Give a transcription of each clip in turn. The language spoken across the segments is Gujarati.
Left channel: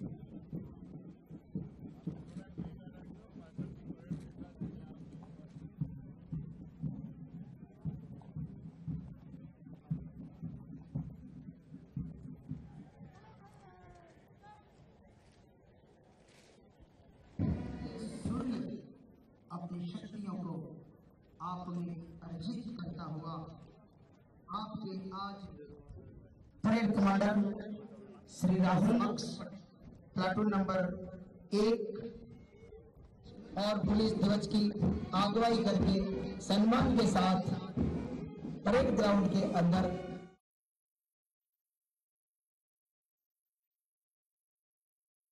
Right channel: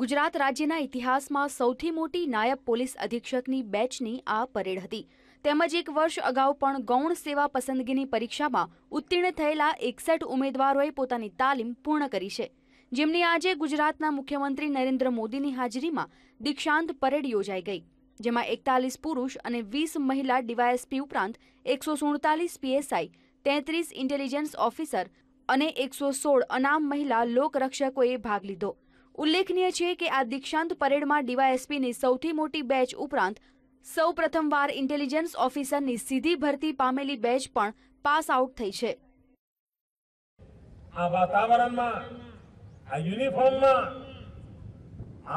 ગુજરાત રાજ્યના ઇતિહાસમાં સૌથી મોટી નાયબ પોલીસ અધિક્ષકની બેચની આ પરેડ હતી. તેમજ એક વર્ષ અગાઉ પણ ગૌણ સેવા પસંદગીની પરીક્ષામાં ઉત્તીર્ણ થયેલા એકસઠ ઉમેદવારોએ પોતાની તાલીમ પૂર્ણ કરી છે. જેમની આજે ગુજરાતના મુખ્યમંત્રી નરેન્દ્ર મોદીની હાજરીમાં દીક્ષાંત પરેડ યોજાઈ ગઈ. જેમાં એકતાલીસ પુરુષ અને વીસ મહિલા ડીવાયએસપી ઉપરાંત એકસો સુડતાલીસ પીએસઆઈ તેત્રીસ ઇન્ટેલિજન્સ ઓફિસર અને એકસો સોળ અનામ મહિલા લોકરક્ષકોએ ભાગ લીધો. ઉલ્લેખનીય છે કે આ દીક્ષાંત પરેડમાં ડીવાયએસપીની સૌથી મોટી બેચ ઉપરાંત સૌ પ્રથમવાર ઇન્ટેલિજન્સ ઓફિસરની સીધી ભરતી પામેલી બેચ પણ પાસ આઉટ થઈ છે. આ વાતાવરણમાં, આ યુનિફોર્મમાં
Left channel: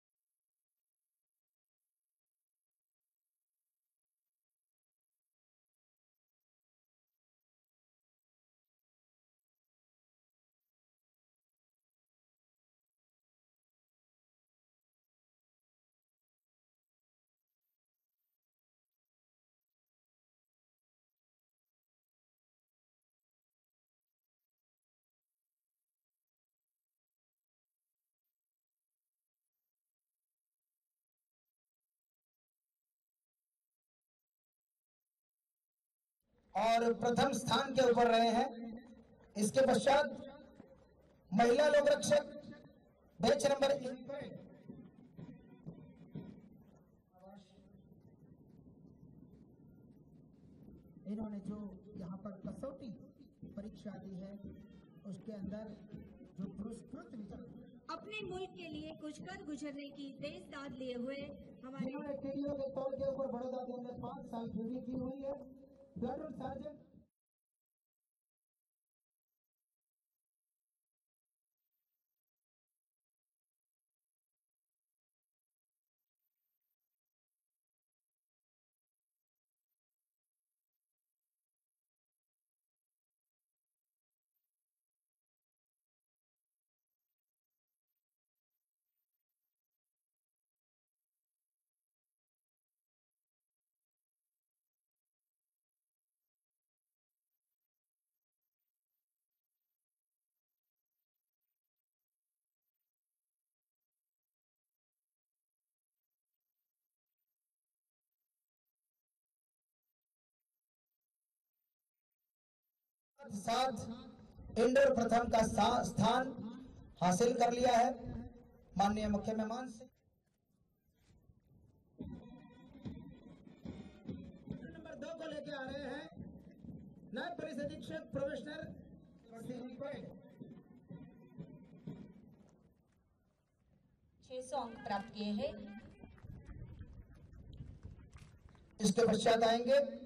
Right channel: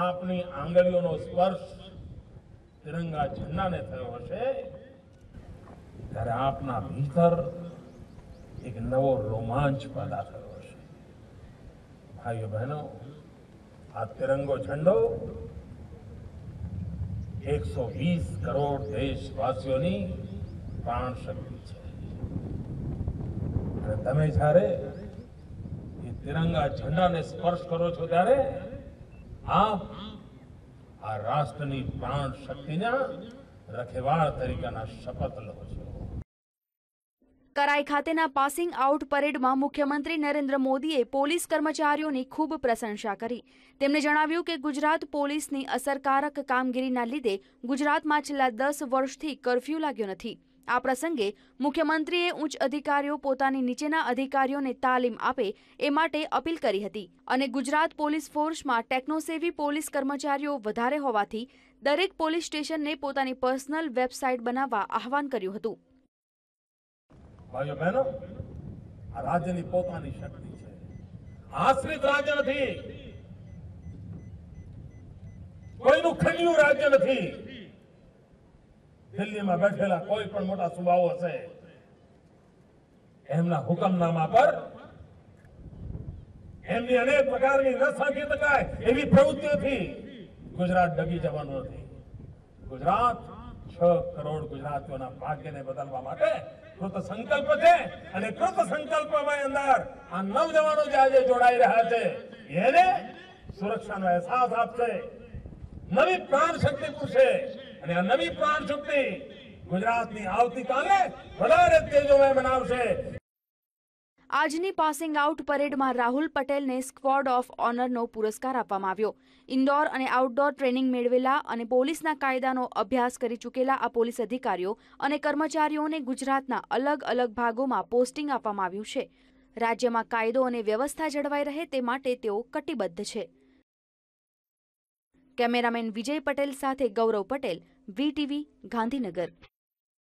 આપની આંગળીઓનો સ્પર્શ તિરંગા ઝંડાને થયો હશે. ત્યારે આપના ભીતર એક નવો રોમાંચ પેદા થયો છે ભાઈઓ બહેનો, આ તિરંગો ઝંડો એકસો વીસ કરોડ દેશવાસીઓની પ્રાણ શક્તિ છે. અને તમે જ્યારે એ તિરંગા ઝંડાને સ્પર્શ કરો છો ત્યારે આપ આ રાષ્ટ્રની પ્રાણ શક્તિના રખેવાળ તરીકેના શપથ લો છો. કરાઈ ખાતેના પાસિંગ આઉટ પરેડમાં મુખ્યમંત્રી નરેન્દ્ર મોદીએ પોલીસ કર્મચારીઓની ખૂબ પ્રશંસા કરી તેમણે જણાવ્યું કે ગુજરાત પોલીસની અસરકારક કામગીરીના લીધે ગુજરાતમાં છેલ્લા દસ વર્ષથી કરફ્યુ લાગ્યો નથી. આ પ્રસંગે મુખ્યમંત્રીએ ઉચ્ચ અધિકારીઓ પોતાની નીચેના અધિકારીઓને તાલીમ આપે એ માટે અપીલ કરી હતી અને ગુજરાત પોલીસ ફોર્સમાં ટેકનોસેવી પોલીસ કર્મચારીઓ વધારે હોવાથી દરેક પોલીસ સ્ટેશનને પોતાની પર્સનલ વેબસાઇટ બનાવવા આહવાન કર્યું હતું. રાજ્યની પોતાની શક્તિ છે. આશ્રિત રાજ્ય નથી. કોઈનું ખંડિયું રાજ્ય નથી. દિલ્હીમાં બેઠેલા કોઈ પણ મોટા સુબાઓ હશે, એમના હુકમનામા પર એમની અનેક પ્રકારની ન શકાય એવી પ્રવૃત્તિઓથી ગુજરાત ડગી જવાનું નથી. ગુજરાત છ કરોડ ગુજરાતીઓના ભાગ્યને બદલવા માટે કૃત સંકલ્પ છે અને કૃત સંકલ્પમાં અંદર આ નવજવાનો જે આજે જોડાઈ રહ્યા છે, એને સુરક્ષાનો અહેસાસ આપશે. નવી પ્રાણ શક્તિ પૂરશે અને આ નવી પ્રાણ શક્તિ ગુજરાતની આવતીકાલે વધારે તેજોમય બનાવશે. આજની પાસિંગ આઉટ પરેડમાં રાહુલ પટેલને સ્ક્વોડ ઓફ ઓનરનો પુરસ્કાર આપવામાં આવ્યો. ઇન્ડોર અને આઉટડોર ટ્રેનિંગ મેળવેલા અને પોલીસના કાયદાનો અભ્યાસ કરી ચૂકેલા આ પોલીસ અધિકારીઓ અને કર્મચારીઓને ગુજરાતના અલગ અલગ ભાગોમાં પોસ્ટિંગ આપવામાં આવ્યું છે. રાજ્યમાં કાયદો અને વ્યવસ્થા જળવાઈ રહે તે માટે તેઓ કટિબદ્ધ છે. कैमरामैन विजय पटेल साथ गौरव पटेल वी टीवी गांधीनगर